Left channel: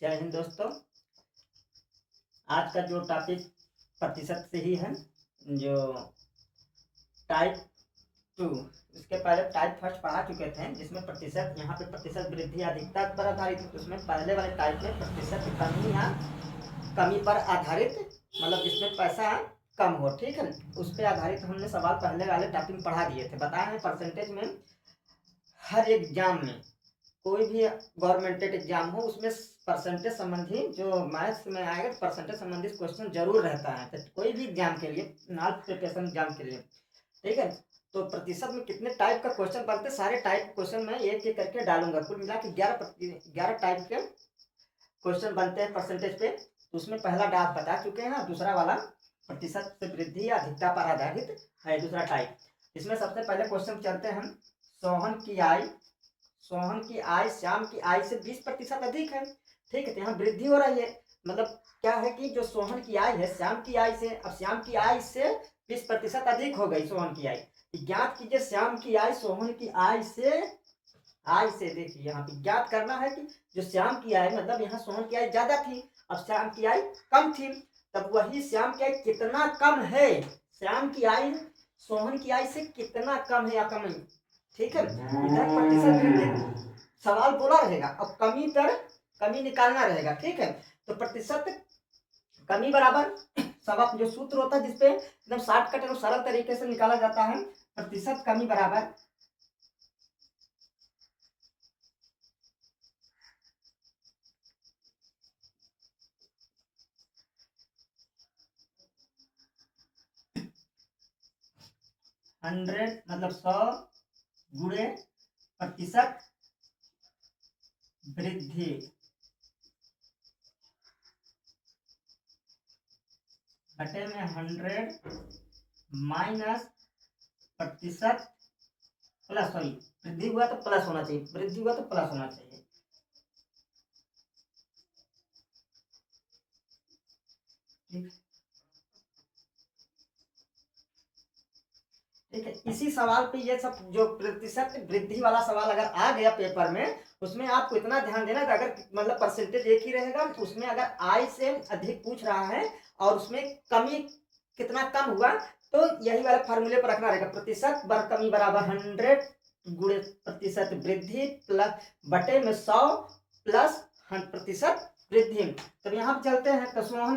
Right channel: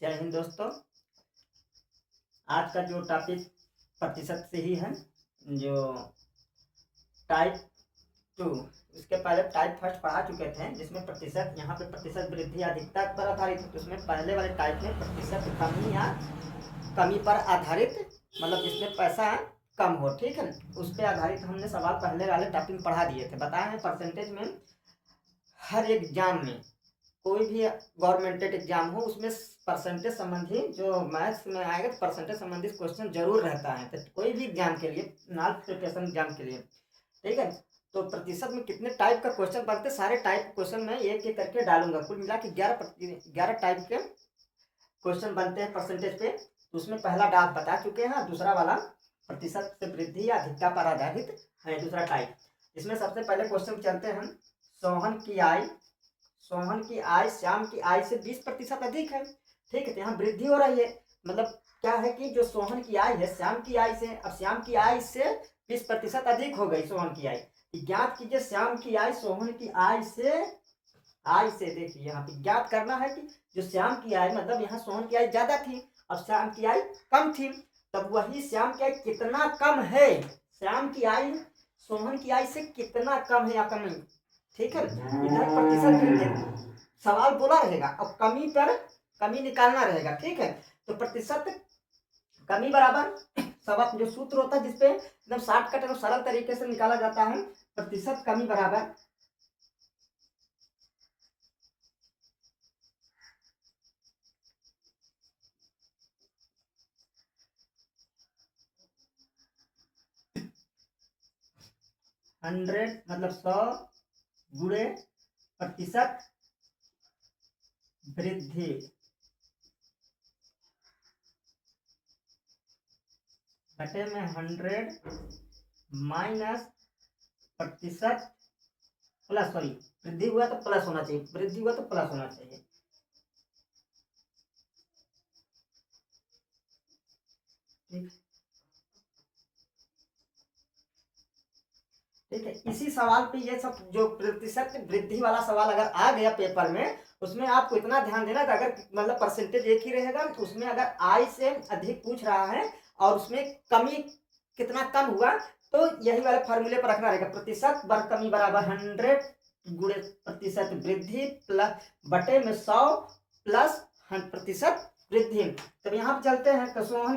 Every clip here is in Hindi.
जय हिंद दोस्तों। आज का जो टॉपिक प्रतिशत से ही है, जो टाइप 2, इसके पहले टाइप फर्स्ट पढ़ा चुके थे जिसमें प्रतिशत, यहाँ पे प्रतिशत वृद्धि अधिकता पर आधारित, तो उसमें पहले वाले टाइप में प्रतिशत कमी या कमी पर आधारित, मतलब जिसमें पैसा कम हो, ठीक है, उस पर आधारित हमने सवाल पहले वाले टॉपिक में पढ़ा दिए थे। बताए हैं परसेंटेज में हर एग्जाम में, कोई भी गवर्नमेंटेड एग्जाम हो उसमें परसेंटेज संबंधी जो मैथ्स में आएगा परसेंटेज संबंधी क्वेश्चन जरूर रहता है। तो कोई भी एग्जाम के लिए, नॉन प्रिपरेशन एग्जाम के लिए, ठीक है, तो प्रतिशत में कितने टाइप का क्वेश्चन बनते, सारे टाइप क्वेश्चन में एक एक करके डालूंगा। कुल मिला के 11 टाइप के क्वेश्चन बनते हैं परसेंटेज पे। तो उसमें पहला डाप बता चुके हैं, दूसरा वाला प्रतिशत से वृद्धि या अधिकता पर आधारित है दूसरा टाइप। इसमें सबसे पहले क्वेश्चन चलते हैं, सोहन की आय श्याम की आय से 20% अधिक है, ठीक है, तो यहाँ वृद्धि हो रही है। मतलब क्या है कि जो सोहन की आय है श्याम की आय से, अब श्याम की आय से 20% अधिक हो गई सोहन की आय। ज्ञात कीजिए श्याम की आय सोहन की आय से देखिए यहाँ पे ज्ञात करना है कि जो श्याम की आय, मतलब यहाँ सोहन की आय ज्यादा थी, अब श्याम की आय कम थी, तब वही श्याम की आय कितना कम है, श्याम की आय सोहन की आय से कितना कम है या कम है, ठीक है। इधर प्रतिशत वृद्धि सवाल बोला रहेगा और कमी पर कमी निकालना रहेगा, ठीक है। तो प्रतिशत कमी बराबर सब जो सूत्र होता है जिसपे एकदम शॉर्टकट और सरल तरीके से निकाला जाता है, प्रतिशत कमी बराबर 100 मतलब 100 गुणे प्रतिशत वृद्धि घटे में 100 माइनस प्रतिशत प्लस, सॉरी वृद्धि हुआ तो प्लस होना चाहिए, वृद्धि हुआ तो प्लस होना चाहिए, ठीक है। इसी सवाल पे ये सब जो प्रतिशत वृद्धि वाला सवाल अगर आ गया पेपर में, उसमें आपको इतना ध्यान देना कि अगर मतलब परसेंटेज एक ही रहेगा, तो उसमें अगर आय से अधिक पूछ रहा है और उसमें कमी कितना कम हुआ, तो यही वाले फॉर्मूले पर रखना रहेगा, प्रतिशत बर कमी बराबर 100 गुणे प्रतिशत वृद्धि प्लस बटे में 100 प्लस प्रतिशत वृद्धि। तब यहाँ पे चलते हैं, तो सोहन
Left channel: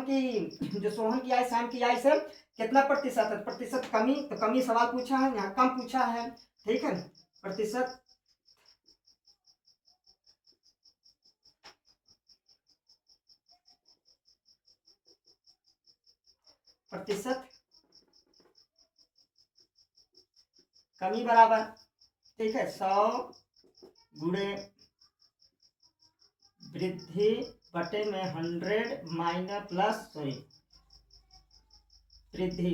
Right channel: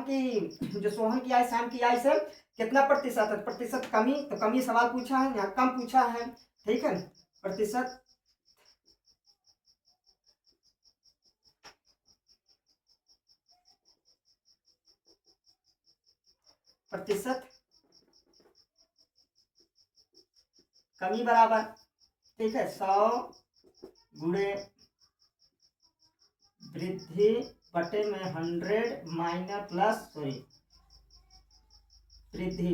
की आय श्याम की आय से कितना प्रतिशत है, प्रतिशत कमी, तो कमी सवाल पूछा है, यहाँ कम पूछा है, ठीक है। प्रतिशत कमी बराबर, ठीक है, 100 गुणे वृद्धि बटे में 100 माइनस प्लस सॉरी वृद्धि।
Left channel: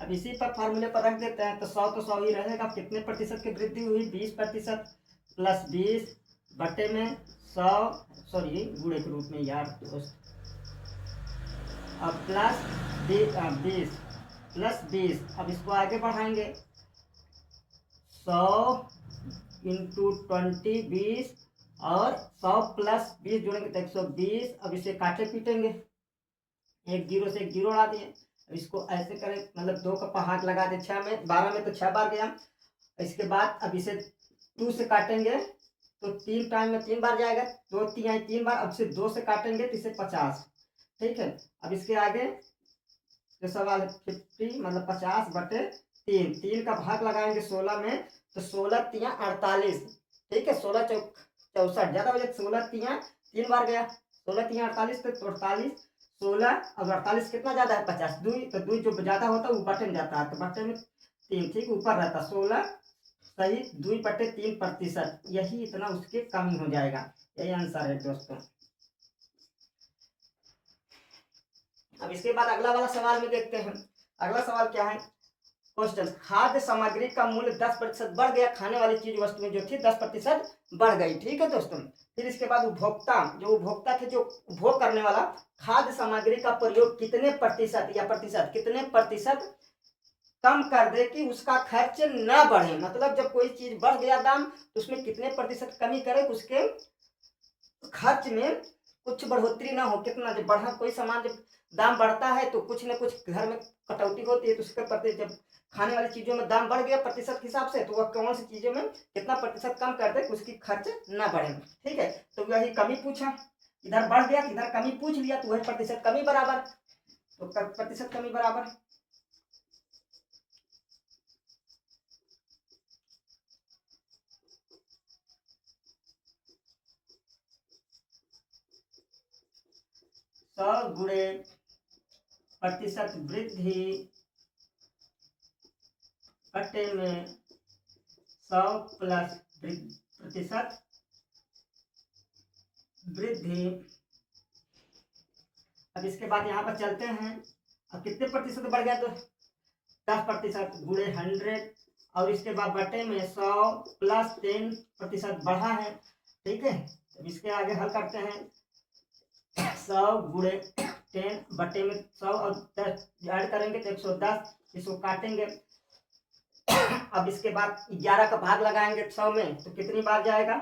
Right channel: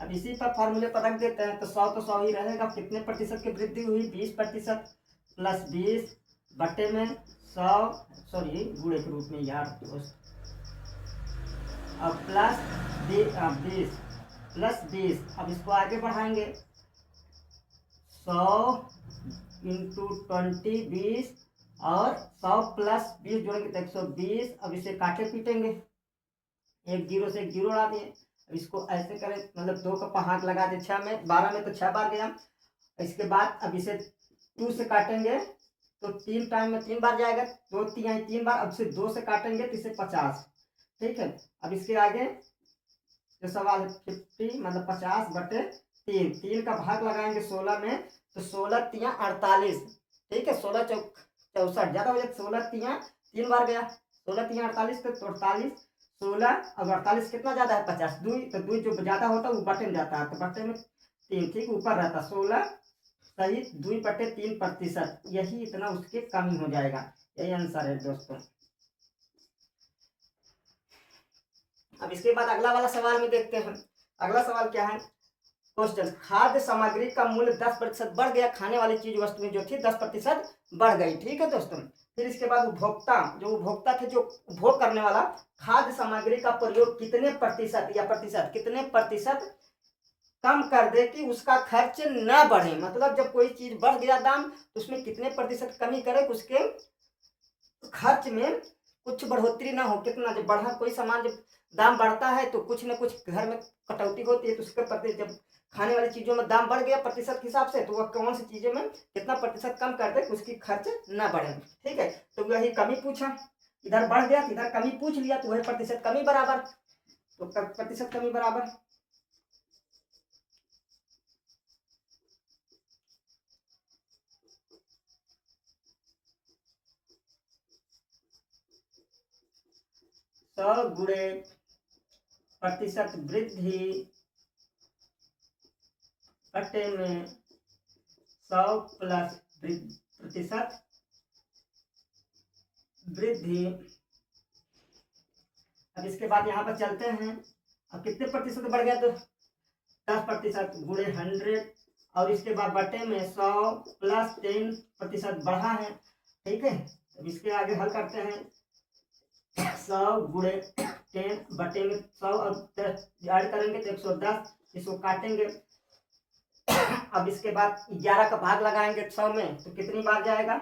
अब इसी पर फॉर्मूले पर रख देते हैं, तो 100 तो 100 ही रहेगा, कितने प्रतिशत की वृद्धि हुई 20% प्लस 20 बटे में 100, सॉरी गुणे के रूप में यार दोस्त, अब प्लस 20 प्लस 20, अब इसको आगे बढ़ाएंगे 100 इंटू 20 20 और 100 प्लस 20 जोड़ेंगे तो 120। अब इसे काटे पीटेंगे, एक जीरो से एक जीरो उड़ा दिए, इसको ऐसे करें, मतलब 2 का हाथ लगा दे, 6 में 12 में तो 6 बार गया। इसके बाद अब इसे 2 से काटेंगे तो 3 टाइम में 3 बार जाएगा, 2 3 बार, अब से 2 से काटेंगे तो इसे 50, ठीक है। अब इसके आगे जो सवाल है 50 मतलब 50 बटे 3, 3 का भाग लगाएंगे 16 में, तो 16 3 48, ठीक है, 16 64 ज्यादा बजे 16 3 बार गया, 16 3 48 तो 48, 16 अब 48 कितना ज्यादा है 50, दो, तो दो जो ज्यादा होता है वो बटे में जाता है, तो बटे में 3, ठीक, ऊपर रहता 16 सही 2 बटे 3%, यही इतना उसके कमी हो जाएगा, यही आंसर है दोस्तों। अब इसके बाद अगला वाला सवाल में देखते हैं, अगला सवाल क्या है, क्वेश्चन, खाद्य सामग्री का मूल्य 10% बढ़ गया, खाने वाली चीज वस्तुएं जो थी 10% बढ़ गई, ठीक है दोस्तों। फिर इसके बाद उपभोक्ता थे, जो उपभोग करने वाला, खाद्य सामग्री का प्रयोग कितने प्रतिशत कम कर दे कि उसका खर्च न बढ़े, मतलब जब कोई चीज बढ़ गया दाम तो उसमें कितने प्रतिशत कमी करे उसके खर्च में कुछ बढ़ोतरी ना हो। कितना जब बढ़ा कोई सामान, जब दाम बढ़ता है तो कुछ ना कुछ घर में कटौती होती है, तो उसके प्रति जब खाने वाली चीज़ों में दाम बढ़ गया प्रतिशत के हिसाब से, तो वह कौन सी चीज़ों में कितना प्रतिशत कम कर दे कि उसकी खर्च ना बढ़े। ठीक है, तो वही कमी पूछा, इधर बढ़ गया इधर कमी पूछ लिया, तो वही प्रतिशत कमी बराबर, तो प्रतिशत कमी बराबर 100 गुणे प्रतिशत वृद्धि बटे में 100 प्लस प्रतिशत वृद्धि। अब इसके बाद यहाँ पर चलते हैं, अब कितने प्रतिशत बढ़ गया, तो 10% गुणे 100, और इसके बाद बटे में 100 प्लस 10% बढ़ा है। ठीक है, अब इसके आगे हल करते हैं, 100 गुणे 10 बटे में 100 और 10 ऐड करेंगे तो 110, इसको काटेंगे। अब इसके बाद 11 का भाग लगाएंगे 100 में, तो कितनी बार जाएगा,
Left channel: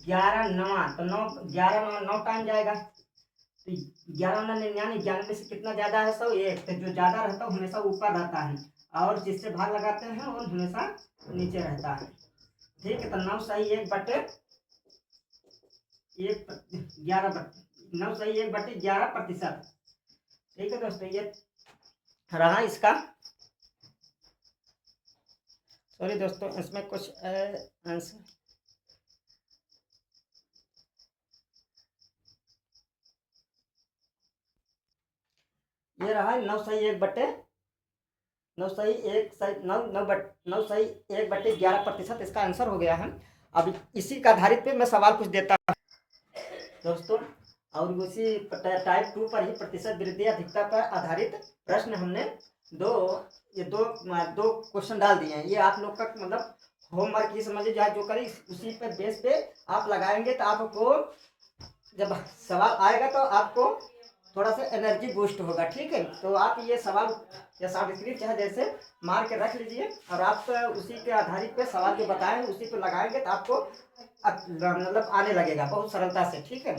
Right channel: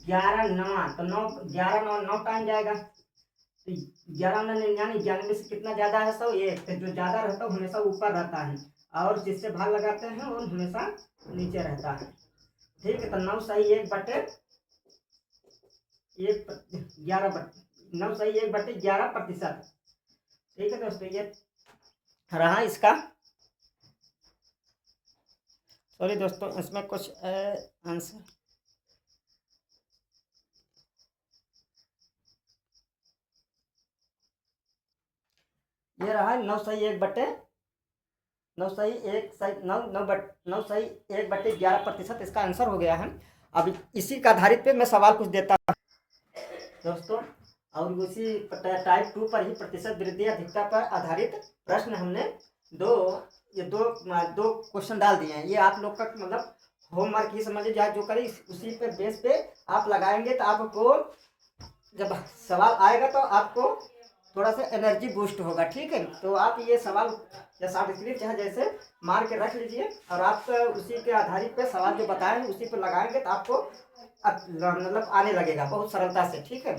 11 9, तो 9 11 9 टाइम जाएगा, तो 11 9 99, 91 से कितना ज्यादा है 100, 1, तो जो ज्यादा रहता है वो हमेशा ऊपर रहता है, और जिससे भाग लगाते हैं वो हमेशा नीचे रहता है। ठीक है, तो 9 सही 1 बटे 11%। ठीक है दोस्तों, ये रहा इसका। सॉरी दोस्तों, इसमें कुछ आंसर, ये रहा 9 सही 1 बटे 9 सही 1 सही 9 सही 1 बटे 11%, इसका आंसर हो गया है। अब इसी का आधारित पे मैं सवाल कुछ देता हूँ दोस्तों, और उसी टाइप 2 पर ही प्रतिशत वृद्धि अधिकता पर आधारित प्रश्न हमने दो क्वेश्चन डाल दिए हैं। ये आप लोग का मतलब होमवर्क ही समझिए, या जो करें उसी पे बेस पे आप लगाएंगे, तो आपको जब सवाल आएगा तो आपको थोड़ा सा एनर्जी बूस्ट होगा। ठीक है, तो आप ये सवाल या शॉर्ट स्क्रिप्ट चाहे जैसे मार के रख लीजिए, और आप उसी के आधारित पे सवाल जो बताएं उसी पे लगाएंगे, तो आपको मतलब आने लगेगा बहुत सरलता से। ठीक है।